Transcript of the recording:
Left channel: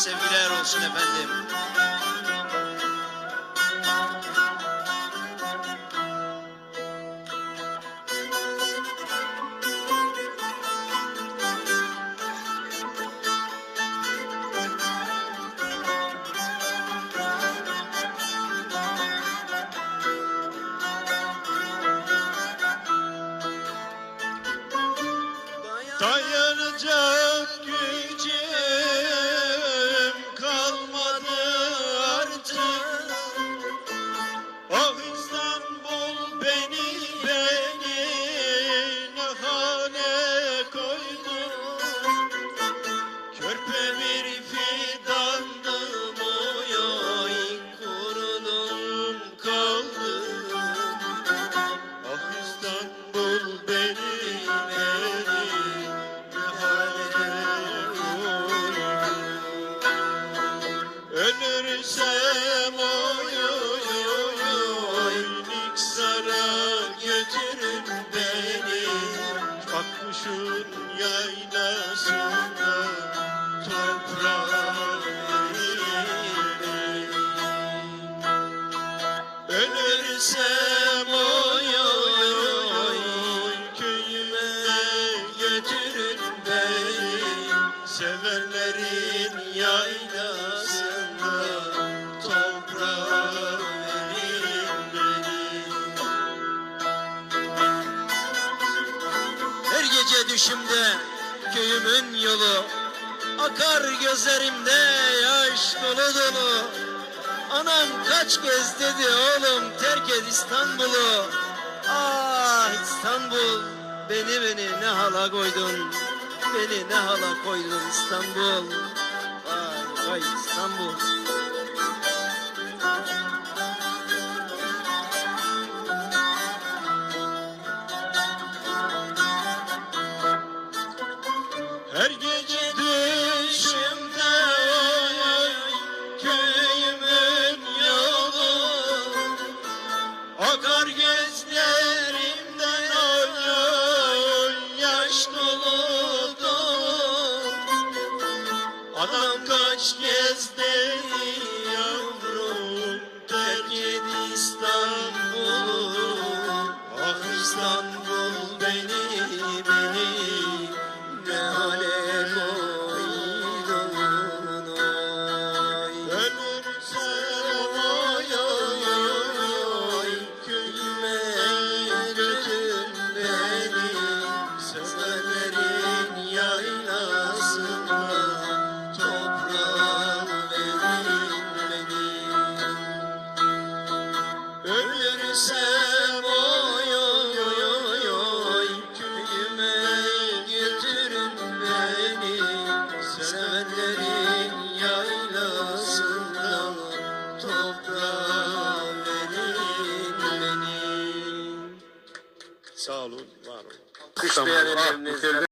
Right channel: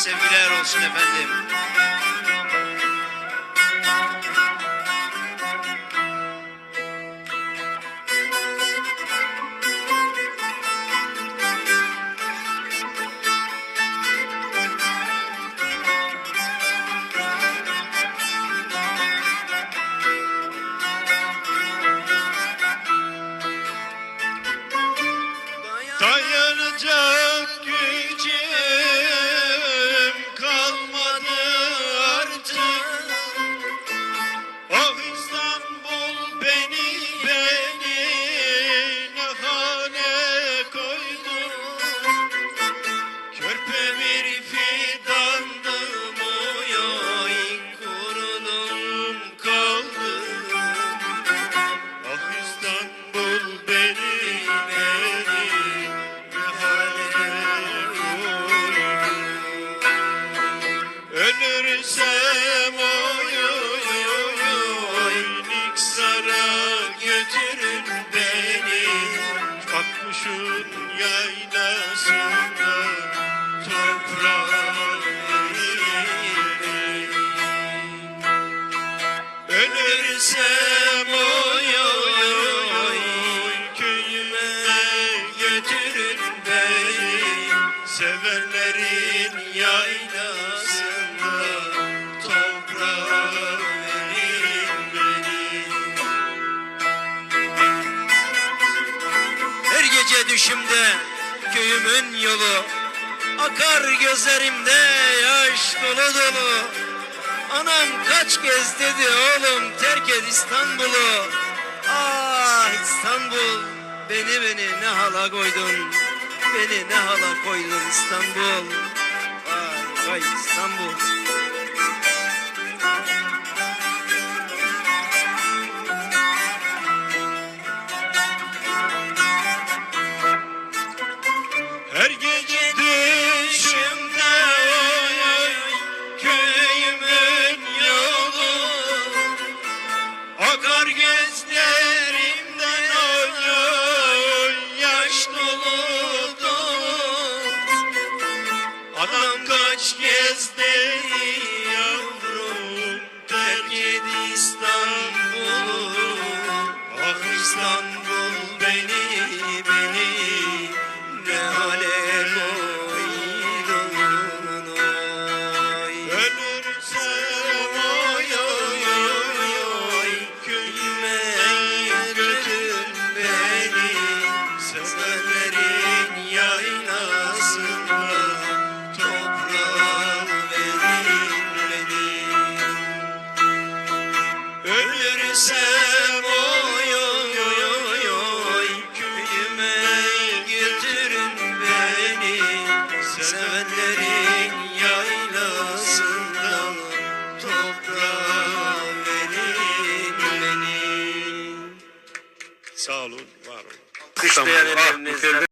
sevgiler olsun efendim. Dayanacak gücüm kalmadı artık. Oh İstanbul beni ne hale koydu. Körpe bir fidandım oy, kurudum kaldım. Ah İstanbul beni ölürsem oy, Niksar'a götürün beni. Akmışın yaylasında toprağa verin. Ölürsem oy, köyüme götürün beni. Sevenlerin yaylasında toprağa verin beni. Her gece düşümde köyümün yolu, akar gözlerimde yaş dolu dolu. Anam kaç kez dedi oğlum terk et İstanbul'u. Ah İstanbul, beni ne hala koydun. Beni ne hala koydun İstanbul. Vay vay İstanbul. Her gece düşümde oy, köyümün yolu, akar gözlerimden oy, yaş dolu dolu. Anam kaç kez dedi yavrum terk et İstanbul'u. Ah İstanbul beni ne hale koydun oy. Ölürsem oy, köyüme götür beni. Sevenlerin yaylasında toprağa verin beni. Ölürsem köyüme götürün beni. Sevenlerin yaylasından toprağa verin beni. Sağ olun, var olun. Kışlayan elleriniz.